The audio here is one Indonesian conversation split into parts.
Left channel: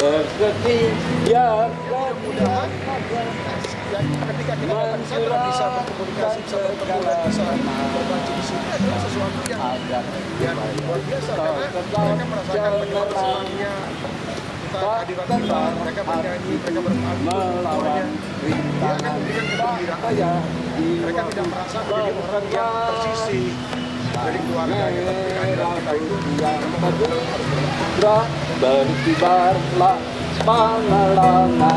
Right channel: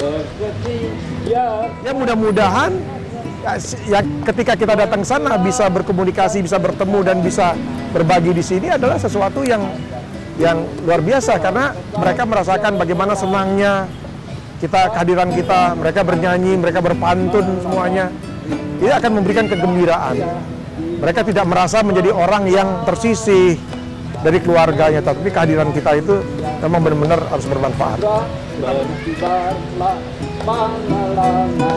Ya mudah-mudahan ya ketika kita datang sana bisa berkomunikasi, bisa bertemu dan bisa berbagi di sini adalah sesuatu yang luar biasa, karena mereka merasakan bagaimana senangnya kehadiran kita, mereka bernyanyi, mereka berpantun semuanya. Dia akan memberikan kegembiraan. Mereka tidak merasa menjadi orang yang tersisih dari keluarganya, tapi kehadiran kita itu memang benar-benar harus bermanfaat. Berkibarlah pengalamannya.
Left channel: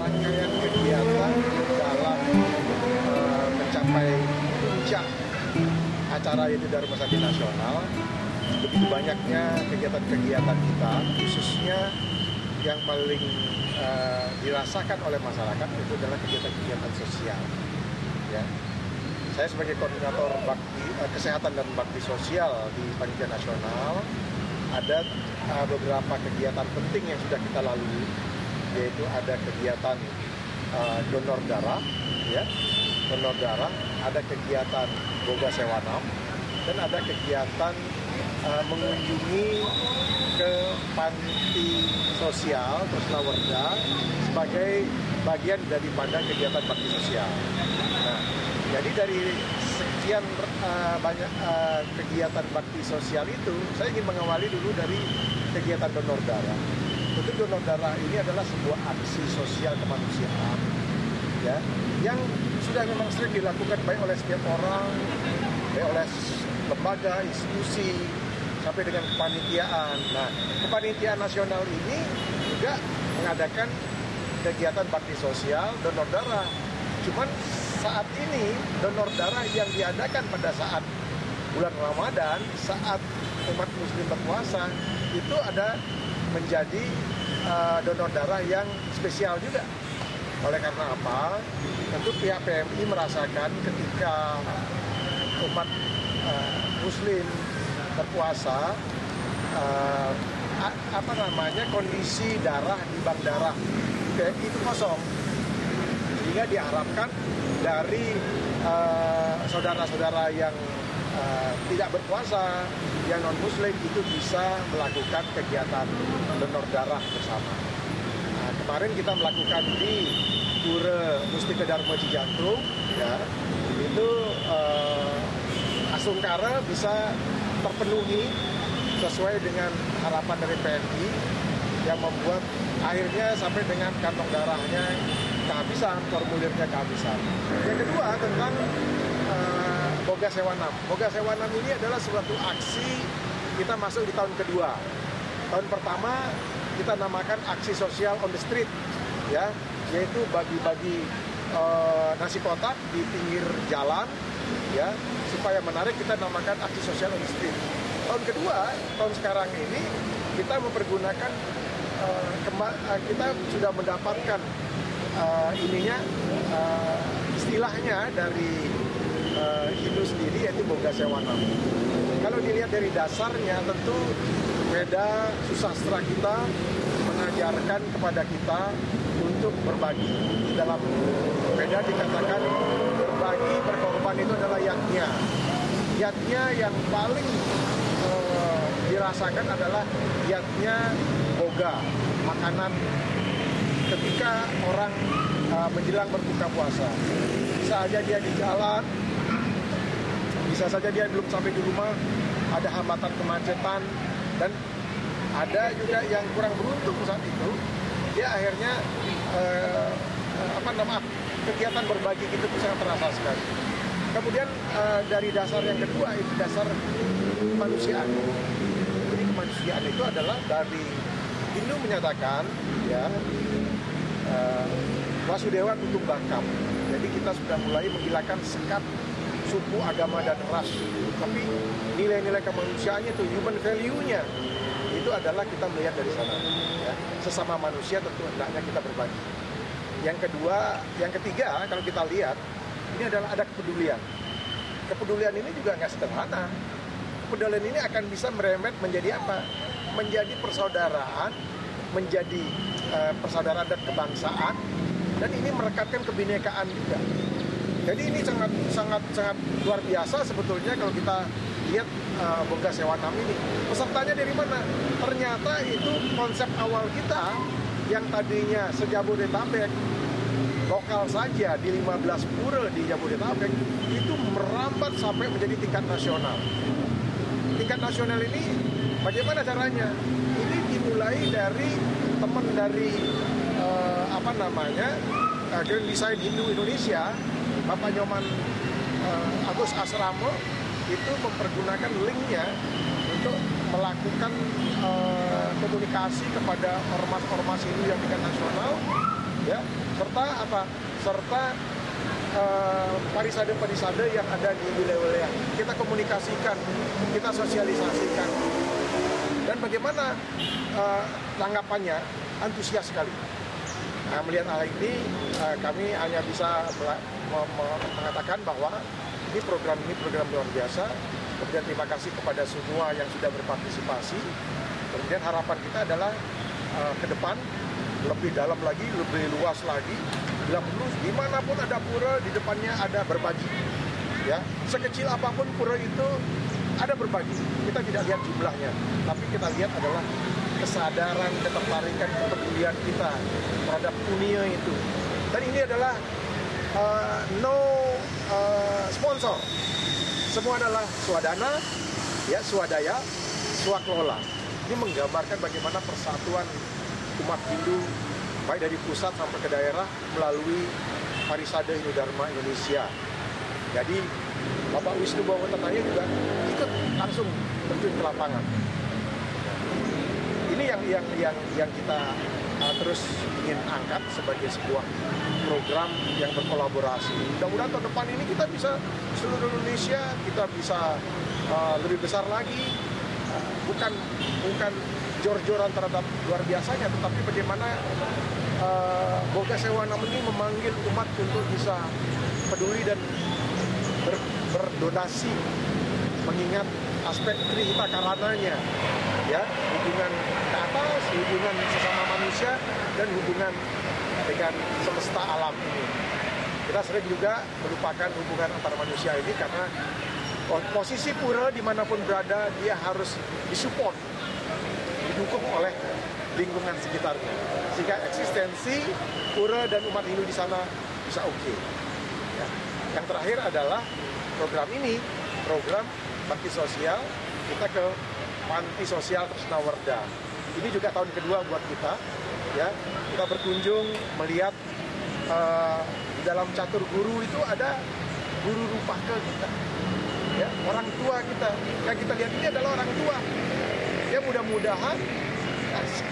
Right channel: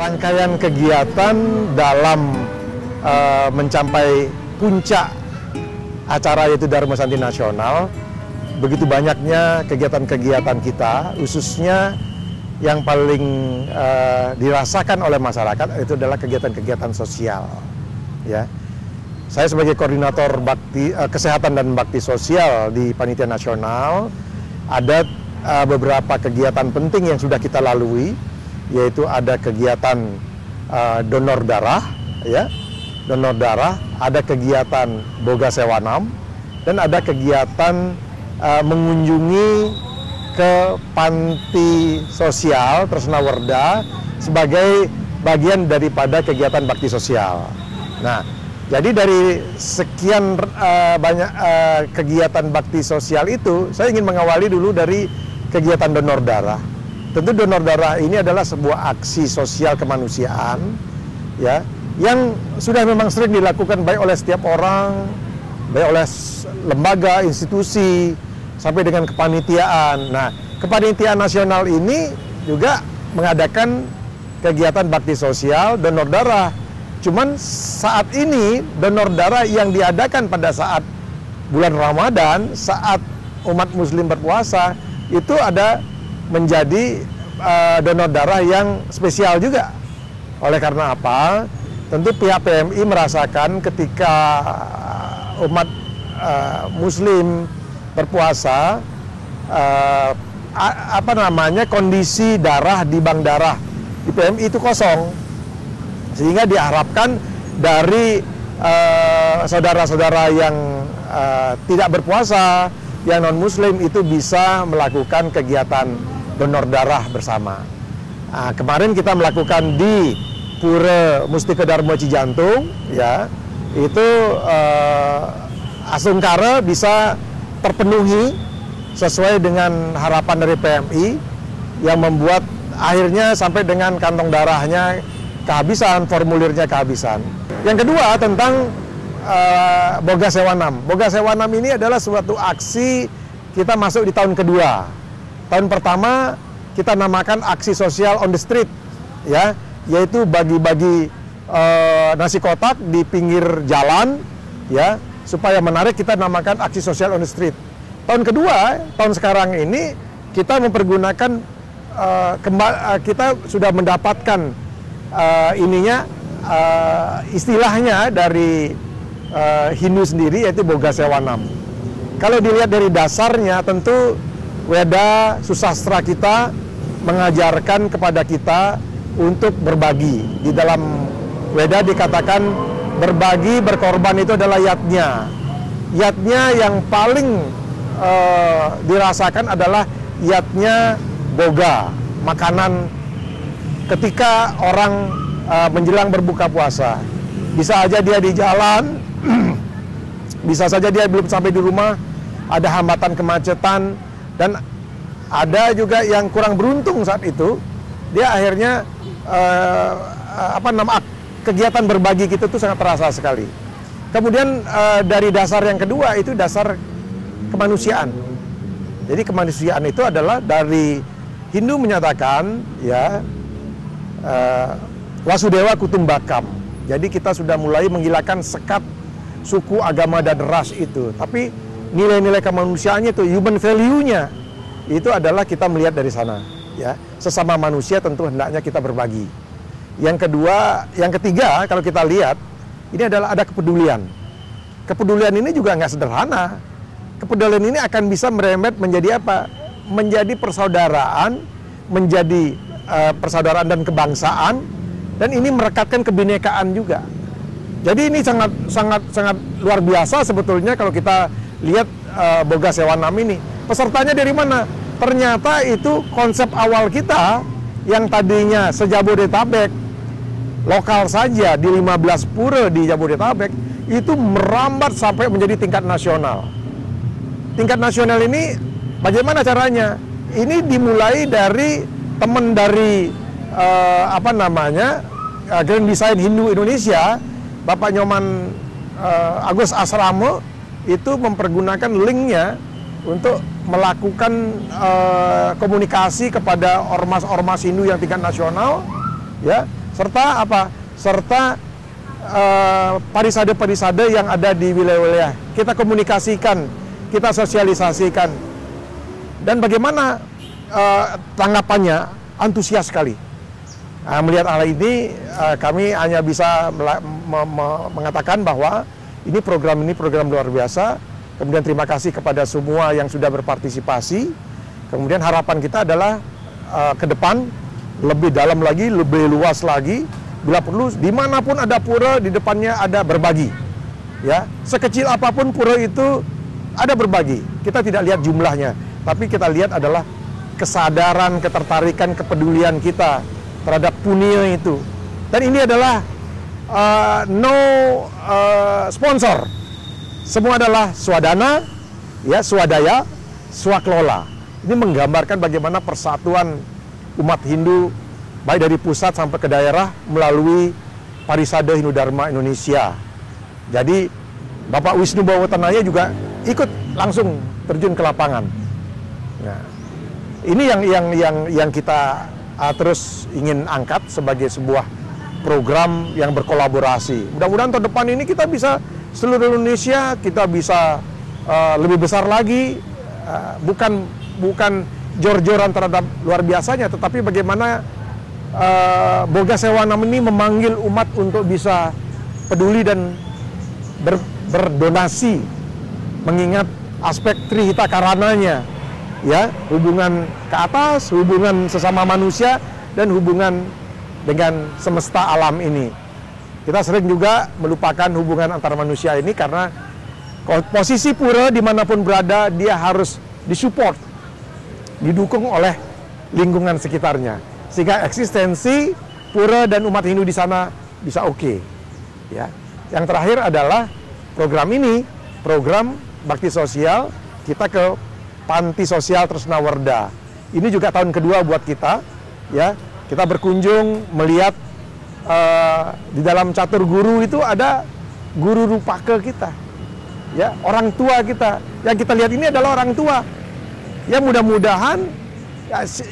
Rangkaian kegiatan dalam mencapai puncak acara yaitu Dharma Santi Nasional, begitu banyaknya kegiatan-kegiatan kita, khususnya yang paling dirasakan oleh masyarakat itu adalah kegiatan-kegiatan sosial. Ya, saya sebagai koordinator kesehatan dan bakti sosial di Panitia Nasional, ada beberapa kegiatan penting yang sudah kita lalui, yaitu ada kegiatan donor darah, ya. Donor darah, ada kegiatan Boga Sewanam, dan ada kegiatan mengunjungi ke panti sosial Tresna Werda sebagai bagian daripada kegiatan bakti sosial. Nah, jadi dari sekian banyak kegiatan bakti sosial itu, saya ingin mengawali dulu dari kegiatan donor darah. Tentu donor darah ini adalah sebuah aksi sosial kemanusiaan, ya, yang sudah memang sering dilakukan baik oleh setiap orang, baik oleh lembaga, institusi, sampai dengan kepanitiaan. Nah, kepanitiaan nasional ini juga mengadakan kegiatan bakti sosial donor darah. Cuman saat ini donor darah yang diadakan pada saat bulan Ramadan, saat umat muslim berpuasa, itu ada menjadi donor darah yang spesial juga. Oleh karena apa? Tentu pihak PMI merasakan ketika umat muslim berpuasa, kondisi darah di bank darah di PMI itu kosong, sehingga diharapkan dari saudara-saudara yang tidak berpuasa, yang non muslim itu bisa melakukan kegiatan donor darah bersama. Nah, kemarin kita melakukan di Pura Mustika Dharma Cijantung, ya, itu Asungkara bisa terpenuhi sesuai dengan harapan dari PMI yang membuat akhirnya sampai dengan kantong darahnya kehabisan, formulirnya kehabisan. Yang kedua tentang Boga Sewanam. Boga Sewanam ini adalah suatu aksi kita masuk di tahun kedua. Tahun pertama kita namakan aksi sosial on the street, ya, yaitu bagi-bagi nasi kotak di pinggir jalan, ya, supaya menarik, kita namakan aksi sosial on the street. Tahun kedua, tahun sekarang ini kita mempergunakan kita sudah mendapatkan istilahnya dari Hindu sendiri, yaitu Boga Sewanam. Kalau dilihat dari dasarnya, tentu Weda susastra kita mengajarkan kepada kita untuk berbagi. Di dalam Weda dikatakan berbagi, berkorban itu adalah yatnya. Yatnya yang paling dirasakan adalah yatnya boga, makanan ketika orang menjelang berbuka puasa. Bisa aja dia di jalan, bisa saja dia belum sampai di rumah, ada hambatan kemacetan, dan ada juga yang kurang beruntung saat itu, dia akhirnya kegiatan berbagi kita itu sangat terasa sekali. Kemudian dari dasar yang kedua itu dasar kemanusiaan. Jadi kemanusiaan itu adalah dari Hindu menyatakan, ya, Wasudewa Kutumbakam. Jadi kita sudah mulai menghilangkan sekat suku, agama, dan ras itu. Tapi nilai-nilai kemanusiaannya itu, human value-nya, itu adalah kita melihat dari sana. Ya, sesama manusia tentu hendaknya kita berbagi. Yang ketiga, kalau kita lihat, ini adalah ada kepedulian. Kepedulian ini juga nggak sederhana. Kepedulian ini akan bisa merembet menjadi apa? Menjadi persaudaraan menjadi persaudaraan dan kebangsaan, dan ini merekatkan kebinekaan juga. Jadi ini sangat luar biasa sebetulnya kalau kita lihat Boga Sewanam ini. Pesertanya dari mana? Ternyata itu konsep awal kita yang tadinya se-Jabodetabek, lokal saja di 15 pura di Jabodetabek, itu merambat sampai menjadi tingkat nasional. Tingkat nasional ini bagaimana caranya? Ini dimulai dari teman dari Grand Design Hindu Indonesia, Bapak Nyoman Agus Asrama, itu mempergunakan linknya untuk melakukan komunikasi kepada ormas-ormas Hindu yang tingkat nasional, ya, serta serta parisade-parisade yang ada di wilayah-wilayah. Kita komunikasikan, kita sosialisasikan, dan bagaimana tanggapannya? Antusias sekali. Melihat hal ini, kami hanya bisa mengatakan bahwa ini program luar biasa. Kemudian terima kasih kepada semua yang sudah berpartisipasi. Kemudian harapan kita adalah ke depan lebih dalam lagi, lebih luas lagi. Bila perlu, dimanapun ada pura, di depannya ada berbagi. Ya, sekecil apapun pura itu ada berbagi. Kita tidak lihat jumlahnya, tapi kita lihat adalah kesadaran, ketertarikan, kepedulian kita terhadap punia itu. Dan ini adalah sponsor. Semua adalah swadana, ya, swadaya, swaklola. Ini menggambarkan bagaimana persatuan umat Hindu baik dari pusat sampai ke daerah melalui Parisade Hindu Dharma Indonesia. Jadi Bapak Wisnu Bawatanaya juga ikut langsung terjun ke lapangan. Ini yang kita terus ingin angkat sebagai sebuah program yang berkolaborasi. Mudah-mudahan tahun depan ini kita bisa seluruh Indonesia, kita bisa lebih besar lagi, bukan jor-joran terhadap luar biasanya, tetapi bagaimana Boga Sewanam ini memanggil umat untuk bisa peduli dan berdonasi, mengingat aspek Trihita Karananya. Ya, hubungan ke atas, hubungan sesama manusia, dan hubungan dengan semesta alam ini. Kita sering juga melupakan hubungan antar manusia ini karena posisi pura dimanapun berada, dia harus disupport, didukung oleh lingkungan sekitarnya. Sehingga eksistensi pura dan umat Hindu di sana bisa oke. Ya. Yang terakhir adalah program ini, program bakti sosial, kita ke Panti Sosial Tresnawarda. Ini juga tahun kedua buat kita, ya. Kita berkunjung melihat di dalam catur guru itu ada guru rupake kita, ya, orang tua kita. Yang kita lihat ini adalah orang tua. Ya, mudah-mudahan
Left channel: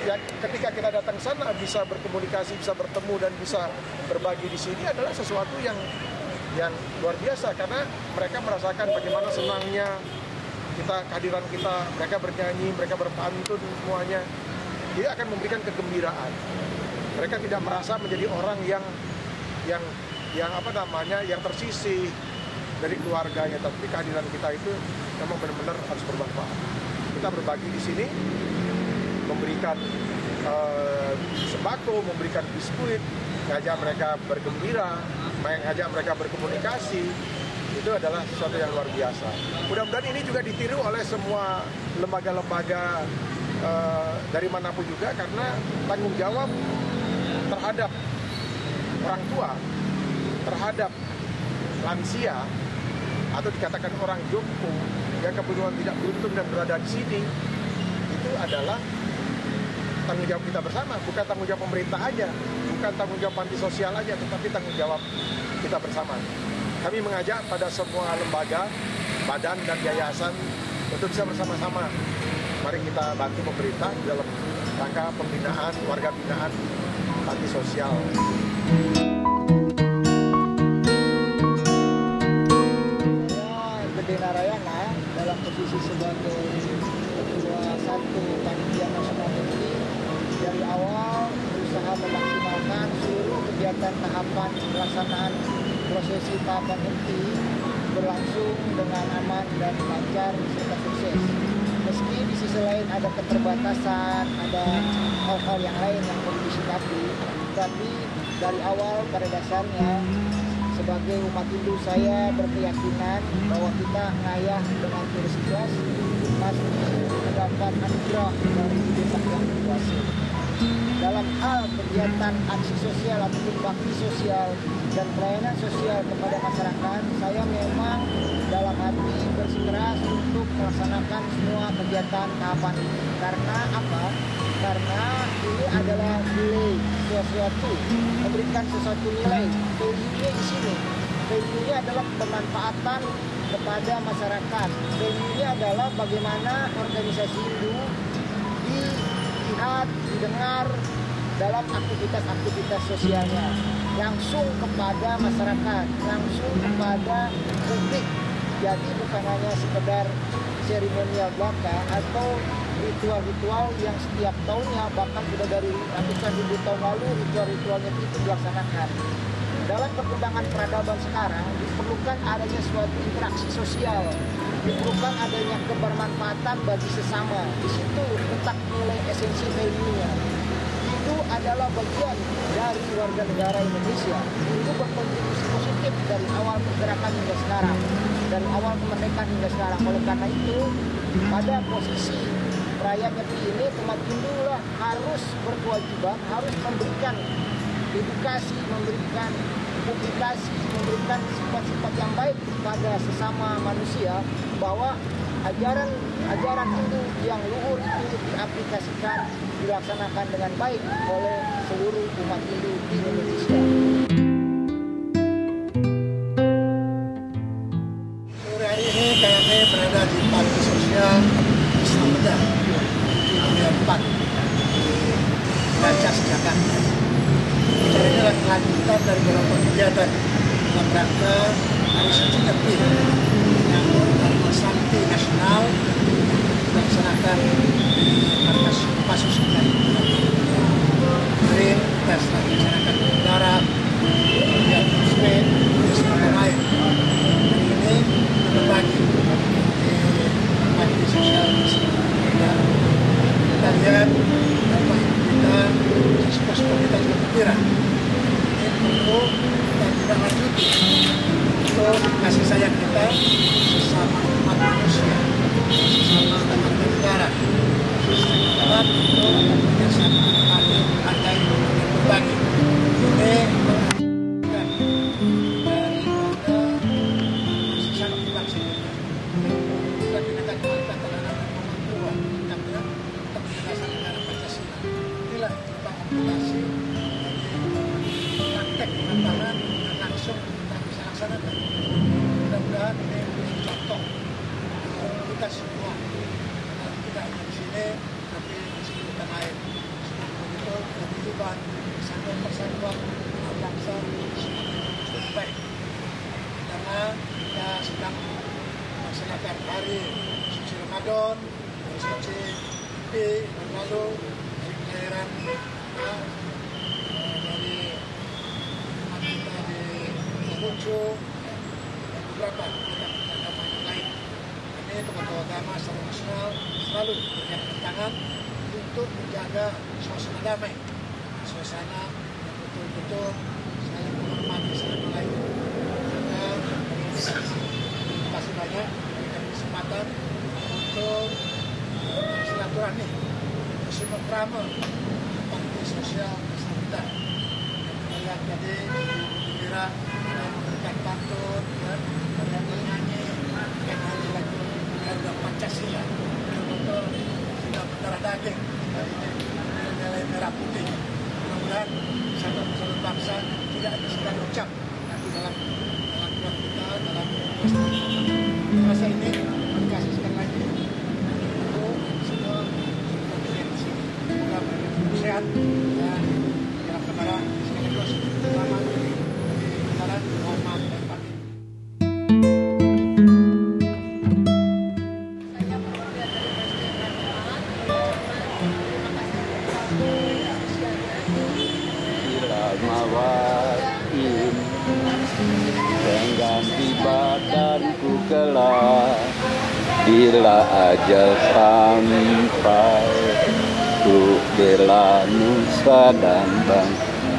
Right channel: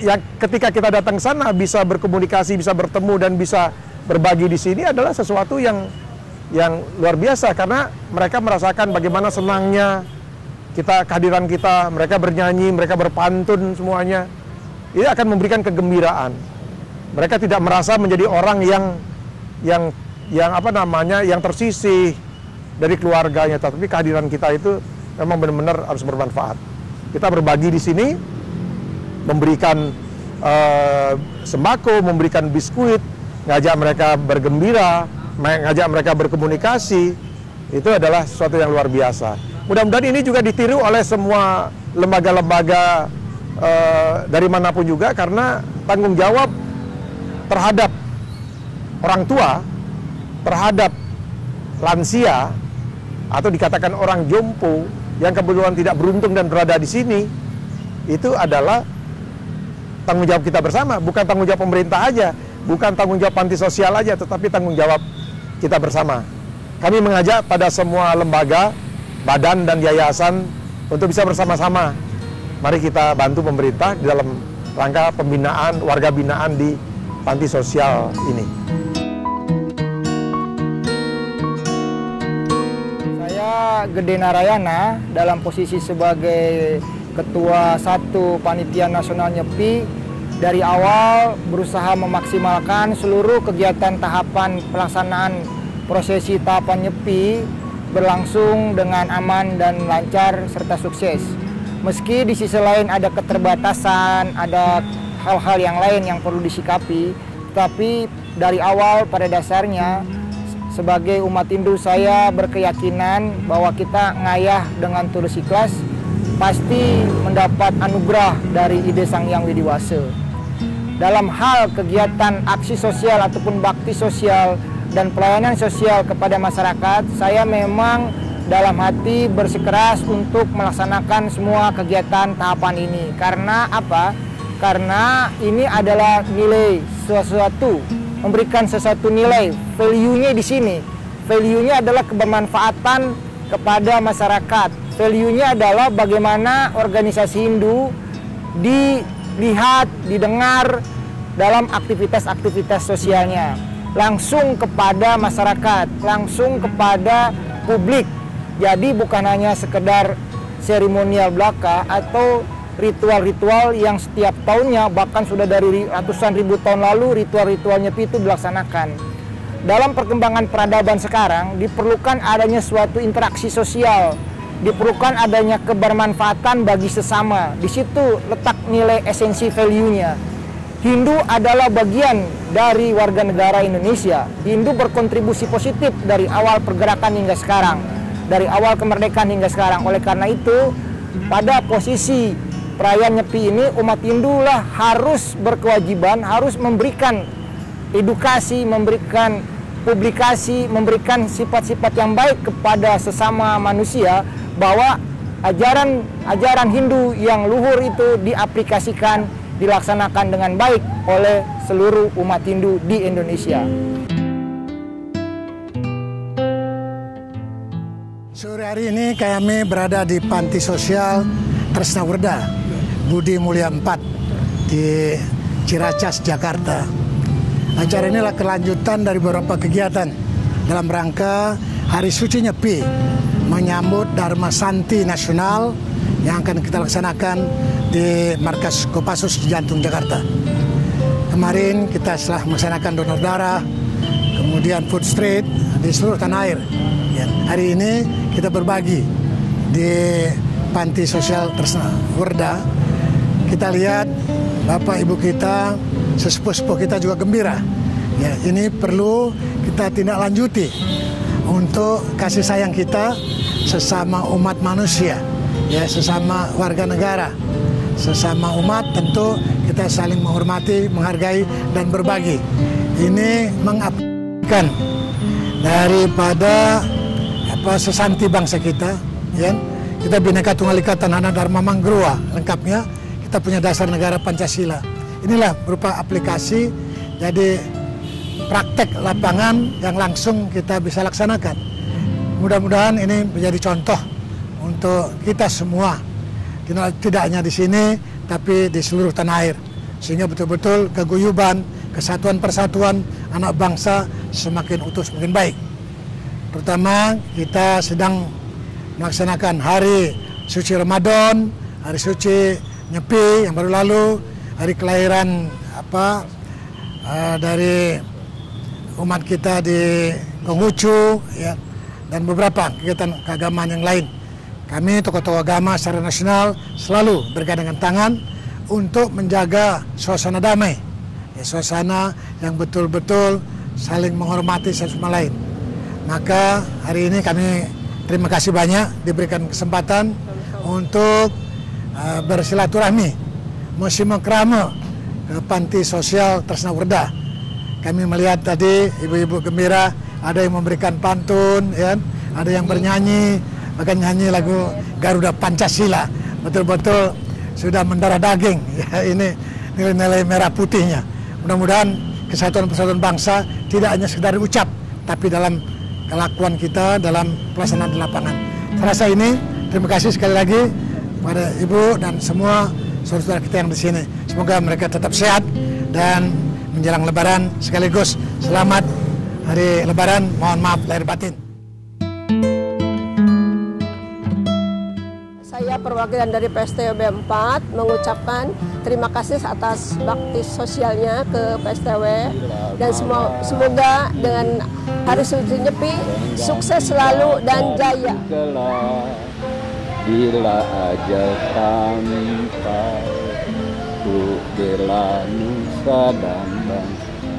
ya, ketika kita datang sana bisa berkomunikasi, bisa bertemu dan bisa berbagi di sini adalah sesuatu yang luar biasa, karena mereka merasakan bagaimana senangnya kehadiran kita, mereka bernyanyi, mereka berpantun semuanya. Ini akan memberikan kegembiraan. Mereka tidak merasa menjadi orang yang tersisih dari keluarganya, tapi kehadiran kita itu memang benar-benar harus bermanfaat. Kita berbagi di sini, memberikan sembako, memberikan biskuit, ngajak mereka bergembira, ngajak mereka berkomunikasi, itu adalah sesuatu yang luar biasa. Mudah-mudahan ini juga ditiru oleh semua lembaga-lembaga dari manapun juga, karena tanggung jawab terhadap orang tua, terhadap lansia, atau dikatakan orang jompo yang kebetulan tidak beruntung dan berada di sini, itu adalah tanggung jawab kita bersama, bukan tanggung jawab pemerintah aja, bukan tanggung jawab panti sosial aja, tetapi tanggung jawab kita bersama. Kami mengajak pada semua lembaga, badan dan yayasan untuk bisa bersama-sama. Mari kita bantu pemerintah di dalam rangka pembinaan, warga binaan di panti sosial ini. Saya Gede Narayana dalam posisi sebagai Ketua 1 Panitia Nasional Nyepi. Dari awal berusaha memaksimalkan seluruh kegiatan tahapan pelaksanaan prosesi tahapan Nyepi berlangsung dengan aman dan lancar serta sukses. Meski di sisi lain ada keterbatasan, ada hal-hal yang lain yang perlu disikapi. Tapi dari awal pada dasarnya sebagai umat Hindu saya berkeyakinan bahwa kita ngayah dengan tulus ikhlas pasti mendapat anugerah dari Ide Sang Hyang Widiwasa. Dalam hal kegiatan aksi sosial ataupun bakti sosial dan pelayanan sosial kepada masyarakat, saya memang dalam hati bersikeras untuk melaksanakan semua kegiatan tahapan ini. Karena apa? Karena ini adalah nilai sesuatu, memberikan sesuatu nilai, value-nya di sini. Value-nya adalah kebermanfaatan kepada masyarakat. Value-nya adalah bagaimana organisasi Hindu dilihat, didengar dalam aktivitas-aktivitas sosialnya. Langsung kepada masyarakat, langsung kepada publik. Jadi bukan hanya sekedar seremonial belaka atau ritual-ritual yang setiap tahunnya, bahkan sudah dari ratusan ribu tahun lalu ritual-ritual Nyepi itu dilaksanakan. Dalam perkembangan peradaban sekarang diperlukan adanya suatu interaksi sosial, diperlukan adanya kebermanfaatan bagi sesama. Di situ letak nilai esensi value-nya. Hindu adalah bagian dari warga negara Indonesia. Hindu berkontribusi positif dari awal pergerakan hingga sekarang, dari awal kemerdekaan hingga sekarang. Oleh karena itu, pada posisi perayaan Nyepi ini, umat Hindu lah harus berkewajiban, harus memberikan edukasi, memberikan publikasi, memberikan sifat-sifat yang baik kepada sesama manusia, bahwa ajaran Hindu yang luhur itu diaplikasikan, dilaksanakan dengan baik oleh seluruh umat Hindu di Indonesia. Sore hari ini kami berada di Panti Sosial Tresna Werda, Budi Mulia 4 di Ciracas, Jakarta. Acara ini adalah kelanjutan dari beberapa kegiatan dalam rangka Hari Suci Nyepi, menyambut Dharma Santi Nasional yang akan kita laksanakan di Markas Kopassus di Jantung, Jakarta. Kemarin kita setelah melaksanakan donor darah, kemudian food street di seluruh tanah air. Hari ini kita berbagi di Panti Sosial Tresna Werda. Kita lihat Bapak Ibu kita, sesepuh-sepuh kita juga gembira. Ya, ini perlu kita tidak lanjuti untuk kasih sayang kita sesama umat manusia, ya, sesama warga negara, sesama umat. Tentu kita saling menghormati, menghargai, dan berbagi. Ini mengabdikan daripada sesanti bangsa kita, ya. Kita Bhinneka Tunggal Ika Tanahana Dharma Manggruwa, lengkapnya kita punya dasar negara Pancasila. Inilah berupa aplikasi, jadi praktek lapangan yang langsung kita bisa laksanakan. Mudah-mudahan ini menjadi contoh untuk kita semua, tidak hanya di sini, tapi di seluruh tanah air. Sehingga betul-betul keguyuban, kesatuan persatuan anak bangsa semakin utuh, semakin baik. Pertama, kita sedang melaksanakan Hari Suci Ramadan, Hari Suci Nyepi yang baru lalu, hari kelahiran dari umat kita di Konghucu, ya, dan beberapa kegiatan keagamaan yang lain. Kami tokoh-tokoh agama secara nasional selalu bergandengan tangan untuk menjaga suasana damai, ya, suasana yang betul-betul saling menghormati satu sama lain. Maka hari ini kami terima kasih banyak diberikan kesempatan untuk bersilaturahmi, musim krama ke Panti Sosial Tresna Werda. Kami melihat tadi ibu-ibu gembira, ada yang memberikan pantun, ya, ada yang bernyanyi, bahkan nyanyi lagu Garuda Pancasila. Betul-betul sudah mendarah daging, ya, ini nilai-nilai merah putihnya. Mudah-mudahan kesatuan persatuan bangsa tidak hanya sekedar ucap, tapi dalam kelakuan kita, dalam pelaksanaan di lapangan. Rasa ini, terima kasih sekali lagi pada Ibu dan semua saudara-saudara kita yang di sini. Semoga mereka tetap sehat dan menjelang Lebaran sekaligus selamat hari Lebaran. Mohon maaf lahir batin. Saya perwakilan dari PSTW 4 mengucapkan terima kasih atas bakti sosialnya ke PSTW dan semoga dengan Hari Suci Nyepi sukses selalu dan jaya. Bila ajal sampai untuk bela nusa dan bangsa.